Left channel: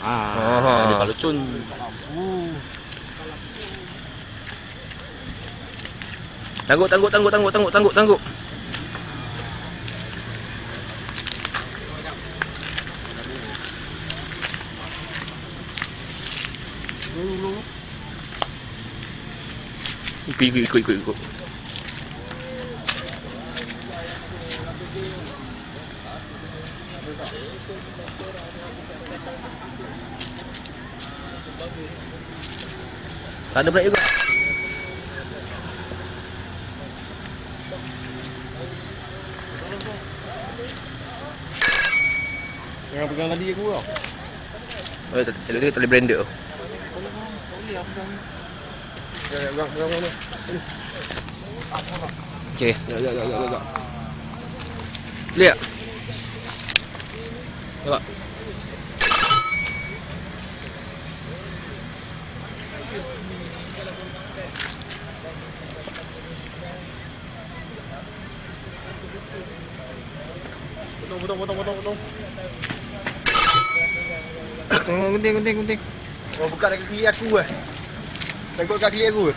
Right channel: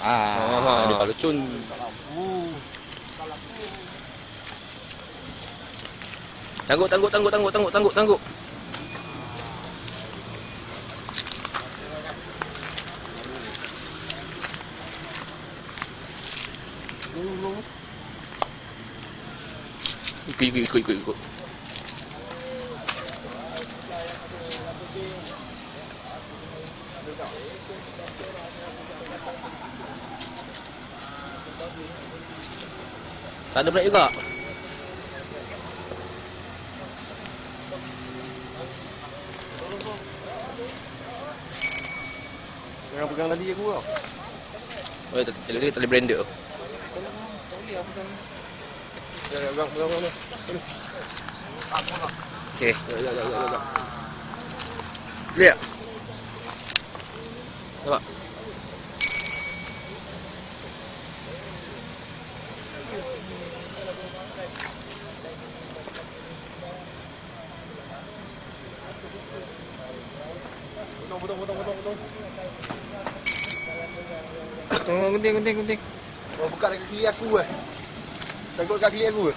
Dia kalau cun. Tangguk. Ikut. Ada break juga. Jangan pegang tadi aku tau. Lagi tali blender tu. Okey. Ya. Lihat. Potong. Gunting. Oh, buka dekat kaki aku eh. Sangkut kaki aku.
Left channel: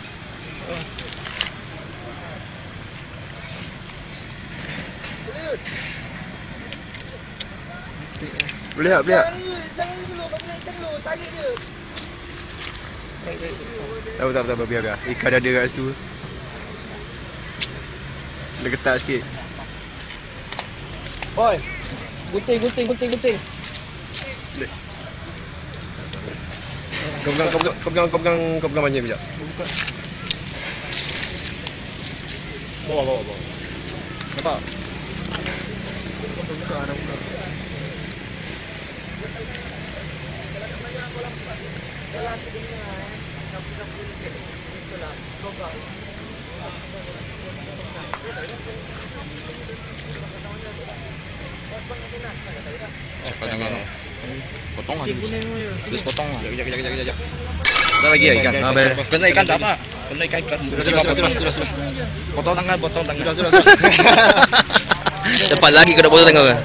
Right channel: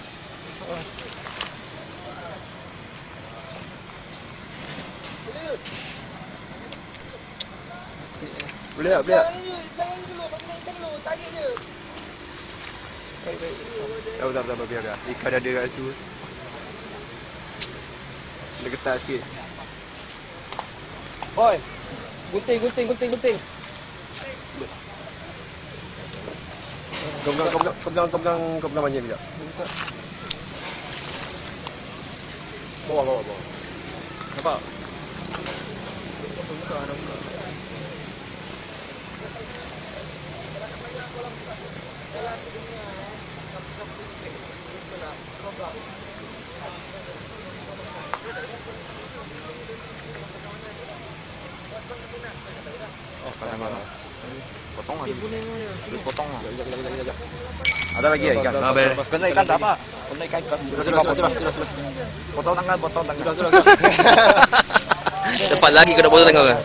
Boleh tak? Jangan dulu, tarik je. Tak, biar. Ikan ada kat situ. Dia ketat sikit. Boy. Gunting. Kau pegang banyak sekejap. Buka. Potong lah. Terus potong lah. Kejap. Ada lagi ya ikan? Kena ikan tak apa. Sudah. Potong tangan. Cepat lagi kena potong tangan.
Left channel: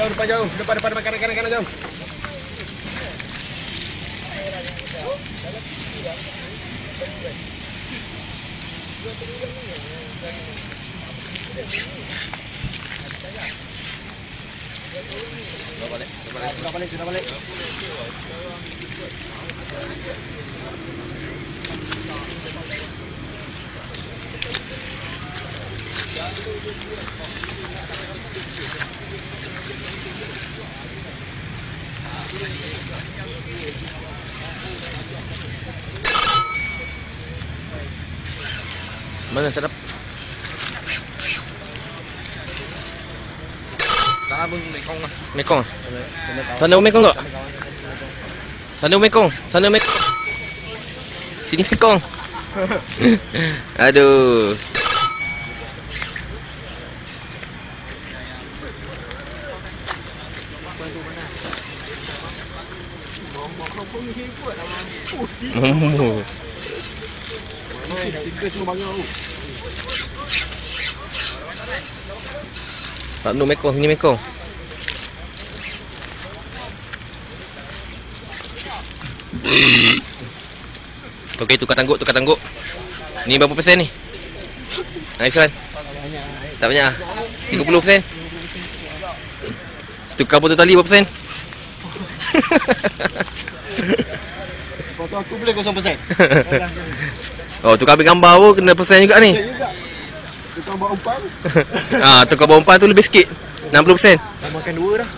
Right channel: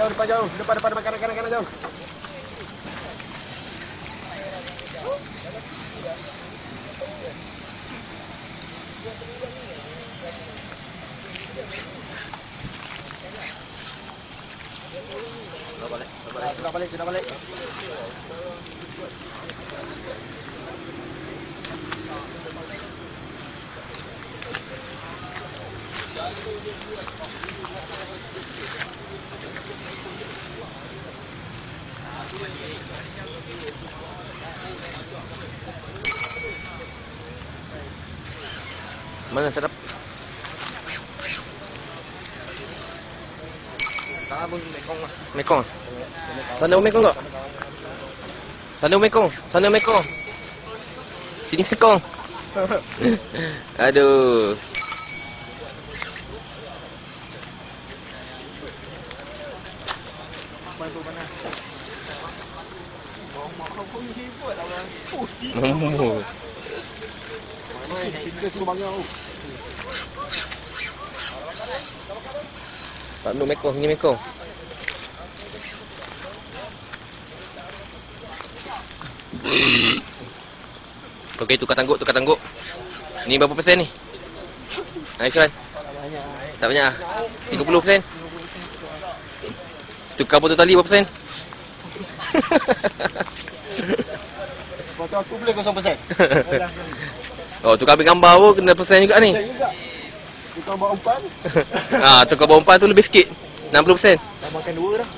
Depan jauh. Depan kanan jauh. Sudah balik. Mana tak dapat? Sana pun Mekong lah. Mekong. Sana Mekong tak? Sana Mekong. Sini Mekong. Aduh. Bantu mana? Kau pun hebat lah. Tak no Mekong, ini Mekong. Okey, tukar tangguk. Ni berapa persen ni? Nice one. Tak banyak. 30%. Tukar botol tali berapa persen? Foto aku boleh 0%. Oh, tukar ambil gambar pun kena persen juga ni. Tukar bawa umpan. Tukar bawa umpan tu lebih sikit. 60%. Makan 2 dah.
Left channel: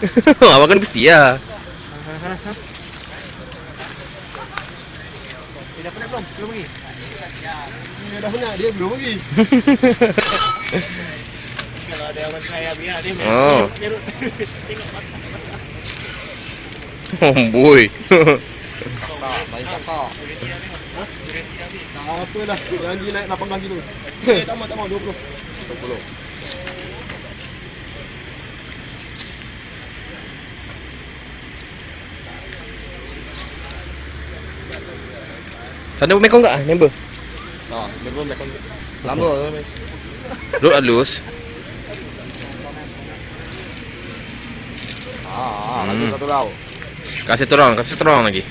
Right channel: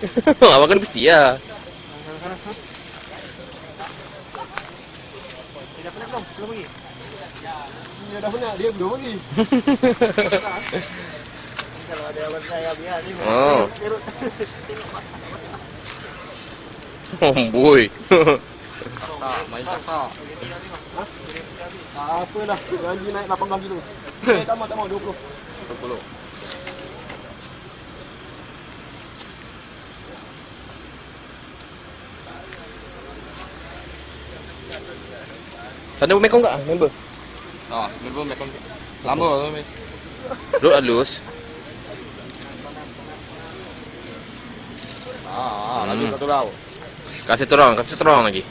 Makan mesti lah. Dah penat belum? Belum pergi? Dia dah penat, dia belum pergi. Kalau ada yang saya biar dia. Boy. Main kasar. Apa dah? Lagi naik 18 kilo. Tambah 20. Sana Mekong tak member? Member Mekong. Lama tu. Duduk halus. Lagi satu lauk. Kasih terong lagi.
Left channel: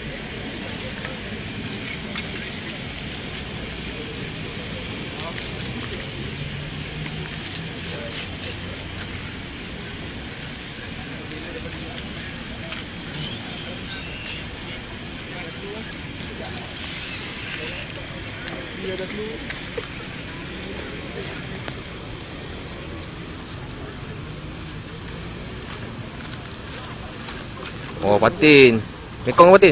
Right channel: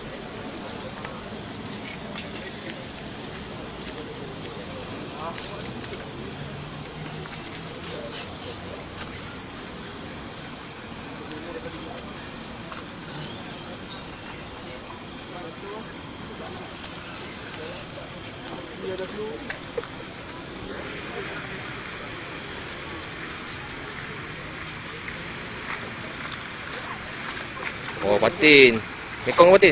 Oh, patin. Mekong patin.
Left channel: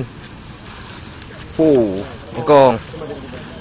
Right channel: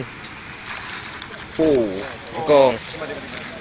Mekong. Coba dia.